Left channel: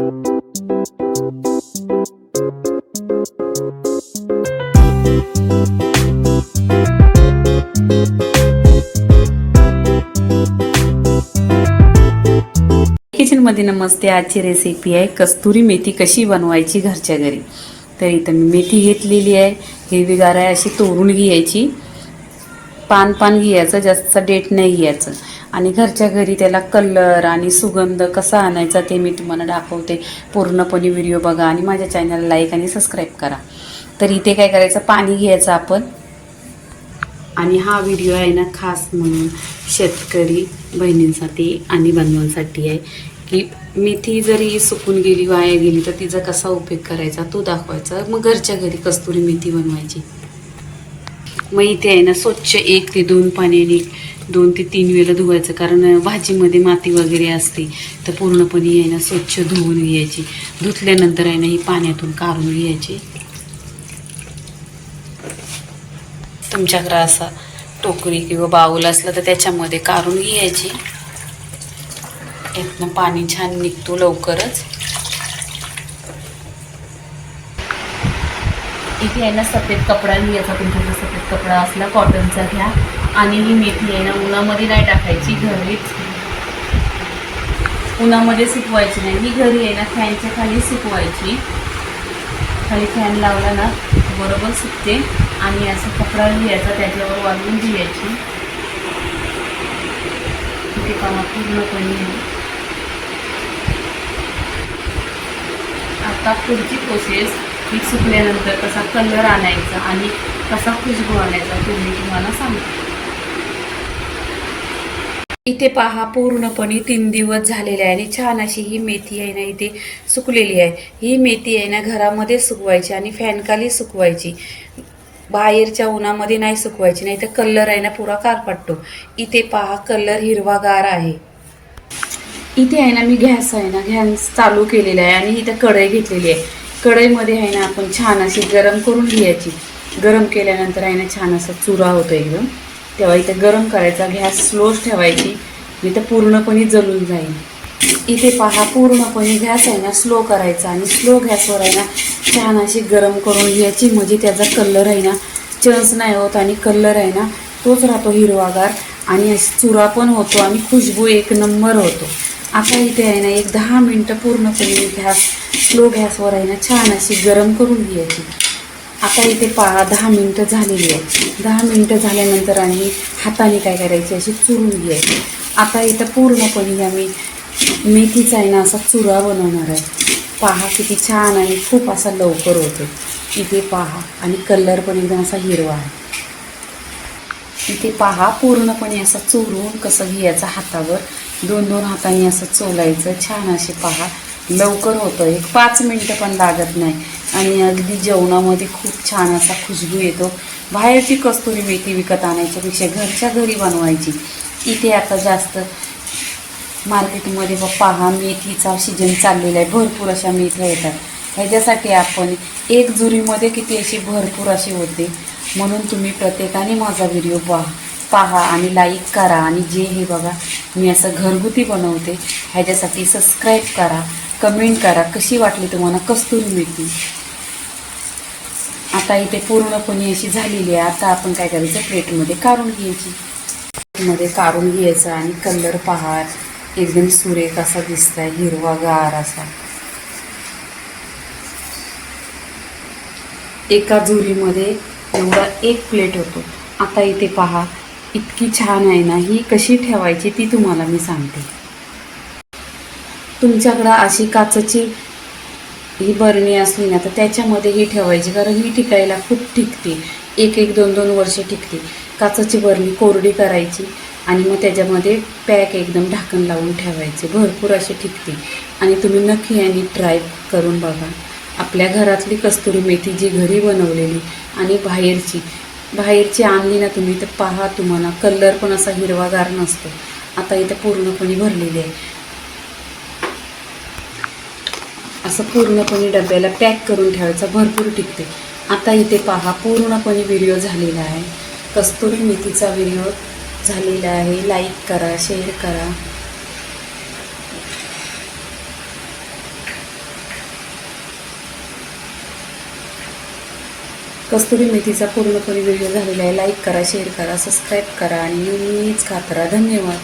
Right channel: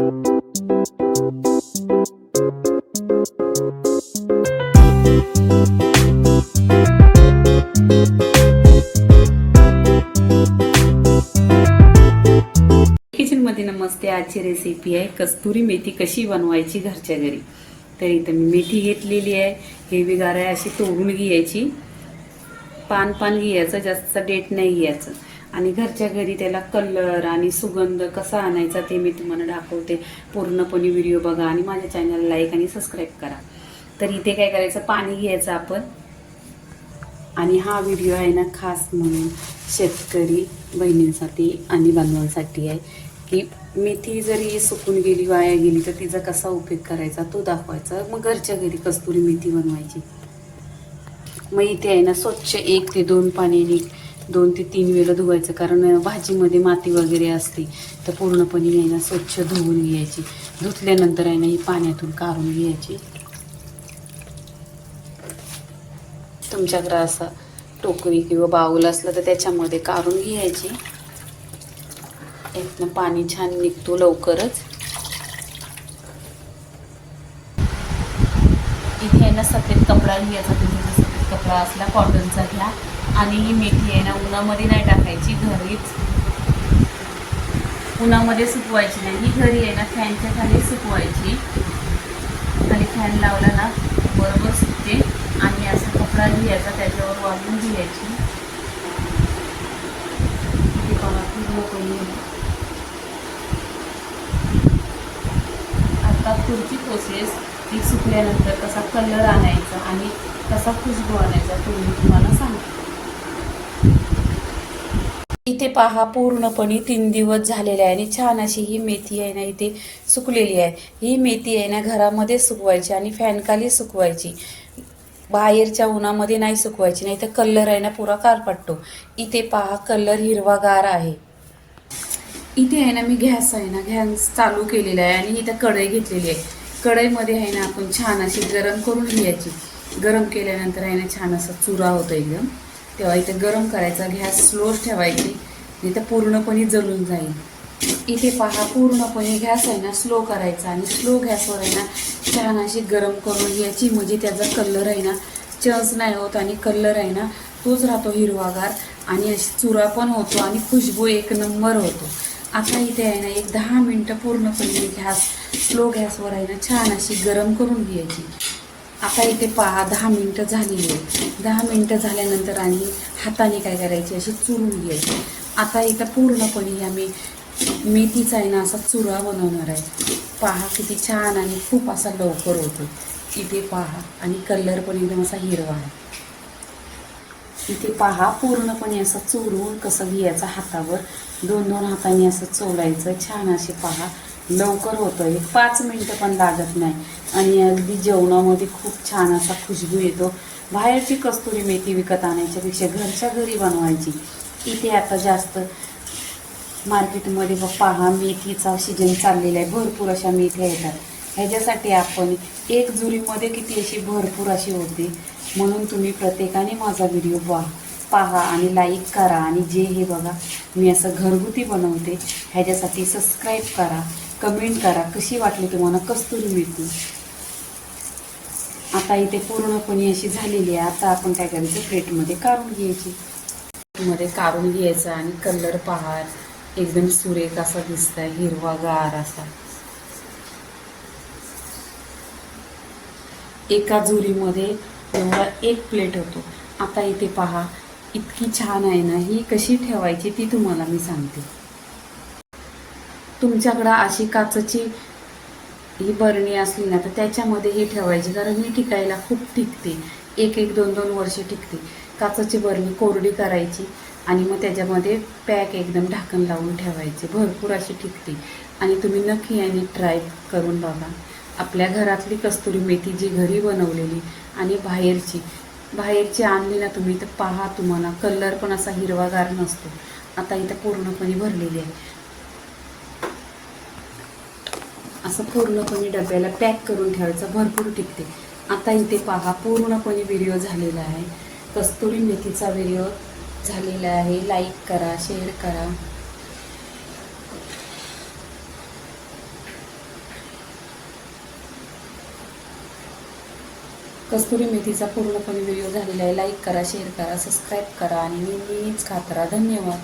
किचनमध्ये नमस्ते. आजची रेसिपी आहे कस्तुरी मेथी कशी बनवायची घरच्या घरी. तर इथं मी मेथी घेतलेली आहे, हिरवीगार आहे, अशी तोडून घ्यायची. पान घ्यायचं, जास्त डेट नाही घ्यायचं. आणि घरच्या घरी त्याला कलर आणि सुगंध कसा आणायचा ते मी तुम्हाला दाखवते. पूर्णपणे व्हिडिओ बघा आणि माझ्या चॅनलला लाईक आणि सबस्क्राईब करा. तर इथे काय करायचं, पाणी घ्यायचं आपण. आणि हा व्हिडिओ आहे ना खास म्हणून शेतकरी बहिणींसाठी आणि बांधवांसाठी आहे की मेथी जरी सुकून गेली, वाया गेली, तर तिचा कसा उपयोग करायचा तो दाखवायचा. मग घरच्या घरी कस्तुरी मेथी बनवायची. मग इथे आहे ना स्वच्छ 1 ते 2 पाण्याने 2 ते 3 वेळा धुवायचं, कारण भाजीमध्ये माती वगैरे असते. तर पूर्णपणे आहे ना स्वच्छ धुवून घ्यायची. धुतल्यानंतर आहे ना ही पाण्यातून काढून घ्यायची. तुमच्याकडे असा टोकरी किंवा बाऊल असला तर त्याच्यामध्ये काढून घ्यायची. यातनं पाणी छान निघतो लवकरच. इथे आहे ना सफेद कपडा घ्यायचा. तुमच्याकडे सफेद कपडा असला कॉटनचा घ्या. आणि ही मेथी आहे ना उन्हामध्ये नाही टाकायची, घरीच उन्हामध्ये सुकवायची नाही. मी घरी आहे ना फॅनच्या खाली सुकवायची. खाली फॅन लावला ना बरोबर सुकते. आणि असं कपडा घ्यायचा, त्याच्यावर वाळून घ्यायची. ते पावा पूर्णपणे. आता पुढची प्रोसेस, ही सुकल्यानंतर कसा कलर आणायचा आणि कसा खुशबू आणायचा ते मी तुम्हाला सांगते. इथे पहा पूर्णपणे 3 दिवस झालेले आहे आणि छान अशी ही मेथी आहे ना इथे सुकलेली आहे. ही मेथी आहे ना घरामध्ये सुकवायची आणि फॅनखाली सुकवायची. बाहेरच्या उन्हामध्ये नाही सुकवायची, नाही तर कलर आहे ना पुरा कारपटतो. इथे पहा कलर हिरवागार आहे. इथे आहे ना मी गॅस चालू केलेला आहे आणि इथे कढई घेतलेली आहे. कढईमध्ये आहे ना आपण छान अशी गरम करून घ्यायची. गरम केल्यानंतर आहे ना छान असा चुरा होतो एकदम. तेव्हा इथे गरम करायचा, गॅस स्लोच ठेवायची, इथे पूर्णपणे जळून जाईल. इथे पहा पूर्णपणे गॅस आहे ना स्लो करायचा आणि स्लो गॅसवर आहे ना छान अशी गरम करून घ्यायची. म्हणजे त्याचा कलर आहे ना चेंज नाही होत आणि कलर आहे ना तोच राहतो हिरवागार आणि अशी चुरा पण होतो आणि खुशबू 1 नंबर होतो. आता इथे आहे ना 10 मिनटं पूर्णपणे स्लो गॅसवर आहे ना छान अशी गरम करून घ्यायची. आता इथे पहा 10 मिनटं झालेली आहे. 10 मिनटं झाल्यानंतर आणि हाताने काय करायची, अशी चुरून घ्यायची. आता इथं पूर्णपणे आम्ही मेथीचा आहे ना असा चुरा बनवणार आहे. पहा किती छान आणि खूप असा लवकर होतो. इथे पहा आणि कलर पण एकदम असा हिरवा आहे. इथे पहा पूर्णपणे असा चोरून कसं घ्यायचं हातावर, 2 हातांनी असं चोलायचं. छान असे पहा लवकर होतं. 5 मिनटं पण लागत नाही आणि अगदी जेवणामध्ये खूप छान असा खुशबू येतो. बाहेरची कस्तुरी मेथी विकत आणायच्यापेक्षा घरच्या घरी बनवायची. इथे आता जास्त मार्केटमध्ये पहा मेथीचा सीजन चाललेला आहे. भरपूर अशा मेथ्या येतात. ह्याच्यासाठी आपण 1 जुरीमध्ये किती अशी भरपूर अशी होते. म्हणून तुम्ही प्रत्येकाने माझा व्हिडिओ पहा आणि लाईक करा. आणि जे हे बघा मी असं घरगुती बनवते ह्याच्यासाठी सबस्क्राईब करा, कमेंट करा कशी वाटली तुम्हाला कस्तुरी मेथी. आता इथे पूर्णपणे अशी झालेली आहे. आता आपण काय करायचं, प्लेटमध्ये काढून घ्यायची. मध्ये काढून घ्यायचा आणि कलर पहा एकदम सुरेख असा दिसतंय, हिरवागार असा. एका जुरीमध्ये एवढा 1 प्लेट होतो. आता इथे पहा इतकी छान आहे ना, ही कशी ठेवायची ती तुम्हाला मी सांगते. तुमच्याकडं अशी काचेची ही बरणी असली ना तर त्याच्यामध्ये ही ठेवायची, कारण ही टिकायला खूप टिकते. 1 2 वर्ष टिकते. काचेची बरणी कोरडी करायची आणि मग त्याच्यामध्ये पॅक एकदम ढाकण लावून ठेवायचे. भरपूर अशी टिकते आणि तुम्ही नक्की आणि ट्राय करून बघा. आपल्या घरातली कस्तुरी मेथी जी घरी बनवलेली आणि बाहेरची आणली ना तुम्ही तर पहा तुम्हाला कलर पण असा हिरवागार नसतो. आता इथे पूर्णपणे भरलेली आहे. असं पूर्णपणे डब्याला पॅक करून ठेवायचं, भरपूर टिकते. आता इथे पहा पूर्णपणे व्हिडिओ झालेला आहे. कस्तुरी मेथीचा व्हिडिओ झालेला आहे. लाईक करा, शेअर करा. कस्तुरी मेथीचा पूर्णपणे व्हिडिओ झालेला आहे. लाईक करा, शेअर करा, सबस्क्राईब करा आणि नेहमीच खात राहा. धन्यवाद.